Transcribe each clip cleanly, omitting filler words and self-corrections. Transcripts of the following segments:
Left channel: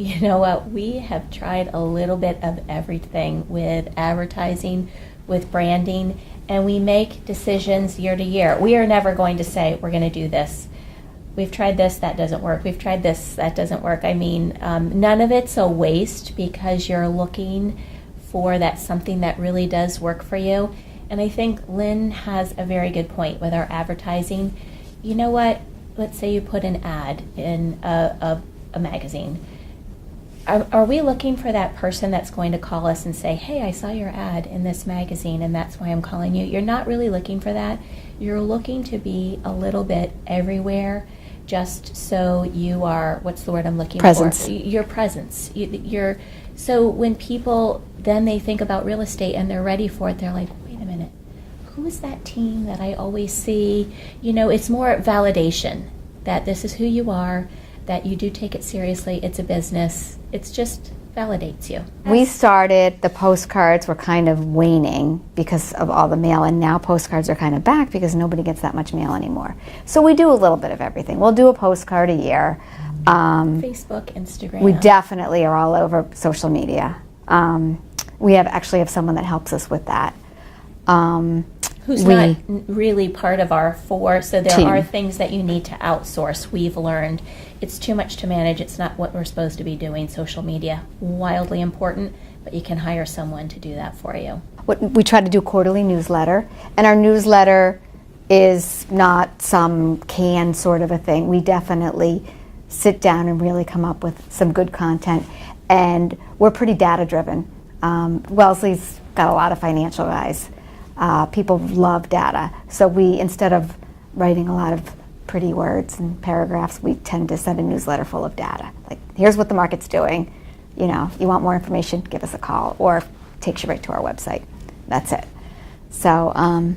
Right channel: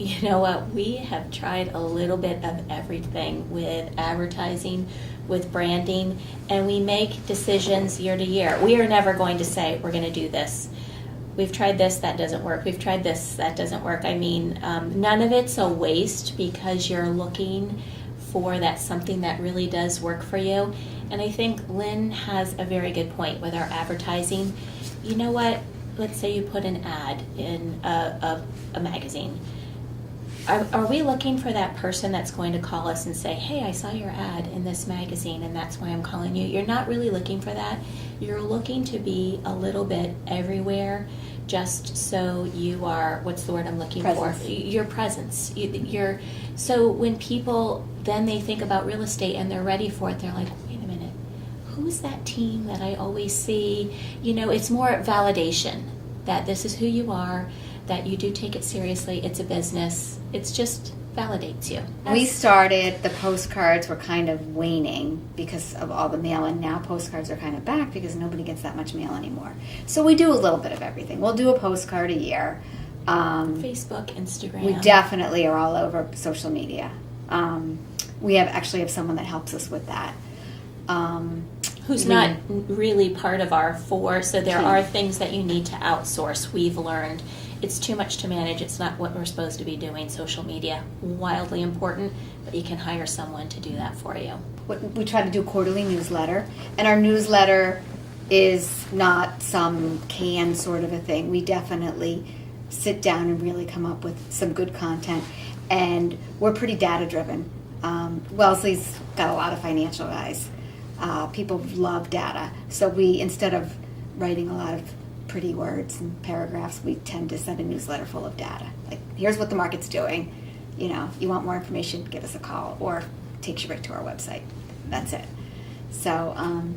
you know what, we have tried a little bit of everything with advertising, with branding, and we make decisions year to year. We are never going to say, we're going to do this. We've tried this, that doesn't work. We've tried this, that doesn't work. I mean, none of it's a waste because you're looking for that something that really does work for you. And I think Lynn has a very good point with our advertising. You know what? Let's say you put an ad in a magazine. Are we looking for that person that's going to call us and say, hey, I saw your ad in this magazine and that's why I'm calling you? You're not really looking for that. You're looking to be a little bit everywhere just so you are, what's the word I'm looking Presence. for? Your presence. So when people, then they think about real estate and they're ready for it, they're like, wait a minute, who's that team that I always see? You know, it's more validation that this is who you are, that you do take it seriously, it's a business. It's just validates you. We started, the postcards were kind of waning because of all the mail, and now postcards are kind of back because nobody gets that much mail anymore. So we do a little bit of everything. We'll do a postcard a year. Facebook, Instagram. We definitely are all over social media. We actually have someone that helps us with that. Who's not really part of our force, so there team. are things that you need to outsource. We've learned it's too much to manage. It's not what we're supposed to be doing. Social media, wildly important, but you can hire someone to do that for you. We try to do a quarterly newsletter, and our newsletter is not some canned sort of a thing. We definitely sit down and really come up with some good content, and we're pretty data driven. Wellesley's got a lot of financial guys. People love data, so we, instead of writing a lot of pretty words and paragraphs, we tend to send a newsletter full of data. Like, here's what the market's doing. You know, if you want more information, give us a call, or it takes you right to our website. That's it. So, and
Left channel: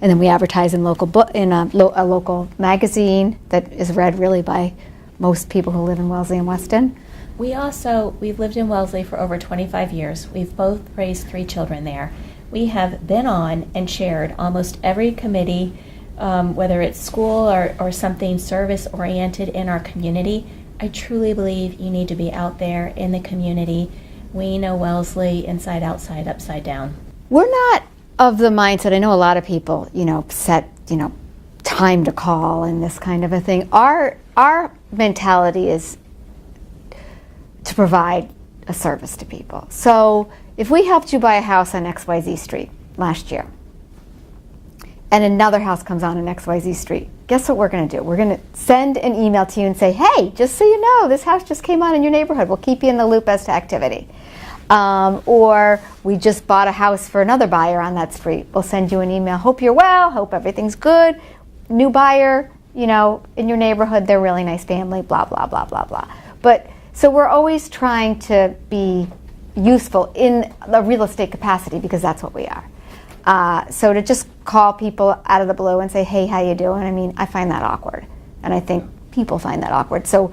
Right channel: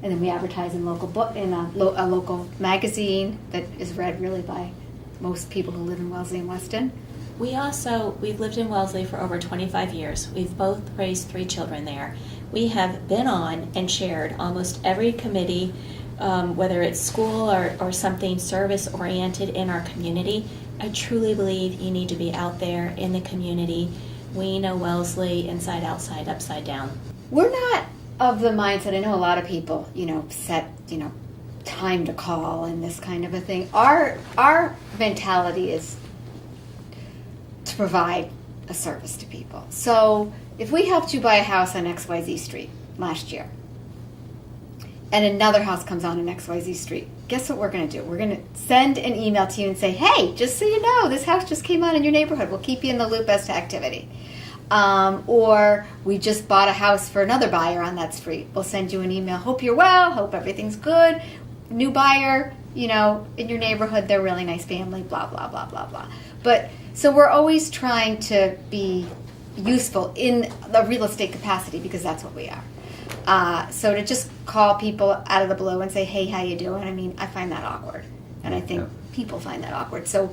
then we advertise in a local magazine that is read really by most people who live in Wellesley and Weston. We've lived in Wellesley for over 25 years. We've both raised 3 children there. We have been on and chaired almost every committee, whether it's school or something service-oriented in our community. I truly believe you need to be out there in the community. We know Wellesley inside, outside, upside down. We're not of the mindset, I know a lot of people, set, time to call and this kind of a thing. Our mentality is to provide a service to people. So if we helped you buy a house on XYZ Street last year, and another house comes on XYZ Street, guess what we're going to do? We're going to send an email to you and say, hey, just so you know, this house just came on in your neighborhood. We'll keep you in the loop as to activity. Or we just bought a house for another buyer on that street. We'll send you an email, hope you're well, hope everything's good, new buyer, in your neighborhood, they're a really nice family, blah, blah, blah, blah, blah. But so we're always trying to be useful in the real estate capacity because that's what we are. So to just call people out of the blue and say, hey, how you doing? I find that awkward. And I think people find that awkward. So,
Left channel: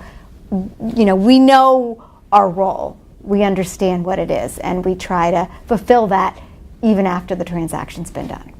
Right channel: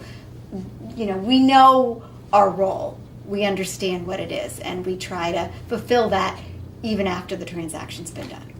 we know our role. We understand what it is. And we try to fulfill that even after the transaction's been done.